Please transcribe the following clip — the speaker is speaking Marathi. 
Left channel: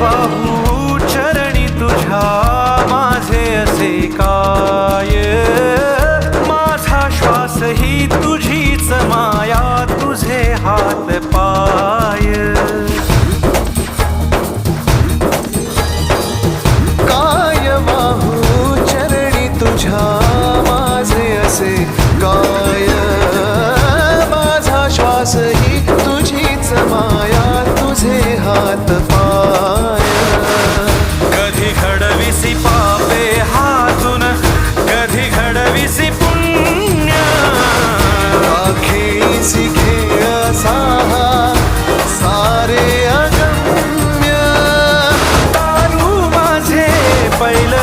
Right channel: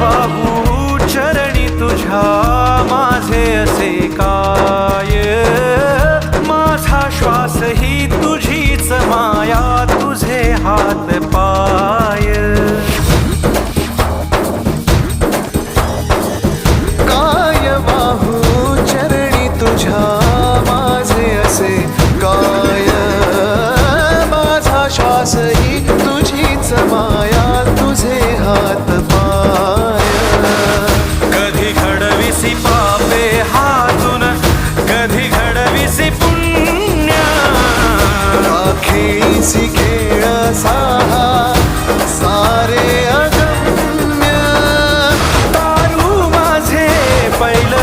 वाहू चरणी तुझ्या माझे असे काय, माझा श्वास ही तुझीच माया, तुझे हात पाय. काय वाहू चरणी तुझ्या माझे असे काय, माझा श्वास ही तुझीच माया, तुझे हात पाय. कधी घडविसी पापे हातून, कधी घडविसी पुण्य, खेळीसी खेळ साहा सारे अगम्य. तारू माझे पैल